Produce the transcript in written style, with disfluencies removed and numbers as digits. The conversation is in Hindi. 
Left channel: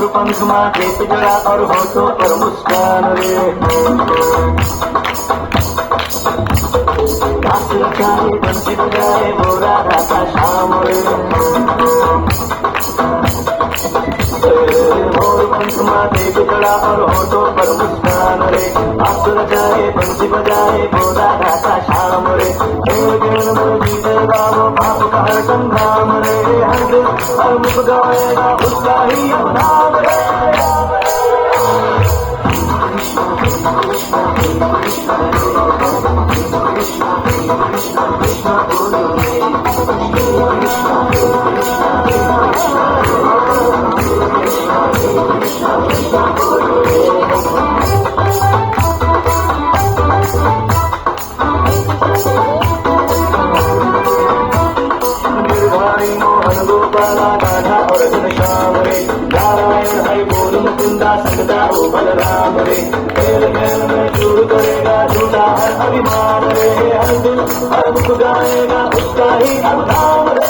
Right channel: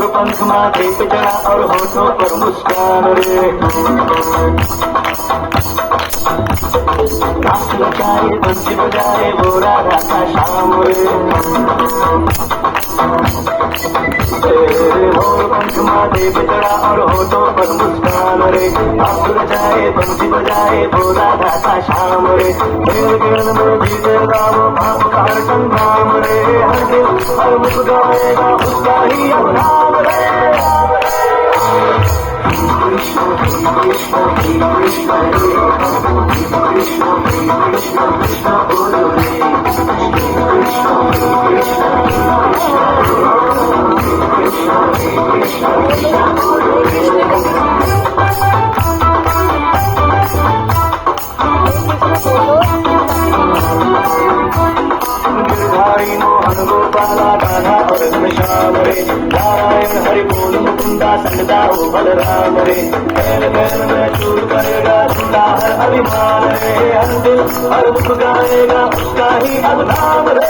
और पंख माथे पे जड़ा और होठों पर मुस्कान रे। काशी रचाए बंसी बजाए गोरा राता शाम रे। और पंख माथे पे जड़ा और होठों पर मुस्कान रे। काशी रचाए बंसी बजाए गोरा राता शाम रे। खेल में जीतेगा वो बाप का संग्राम रे। हर दिल हर मुख गाएगा उसका ही अब नाम रे। मोहन गोपाला राधा और घनश्याम रे। नारायण हरि बोल मुकुंदा संगदा वो बलराम रे। खेल खेल में चूर करेगा झूला हर अभिमान रे। हर दिल हर मुख गाएगा उसका ही अब नाम रे।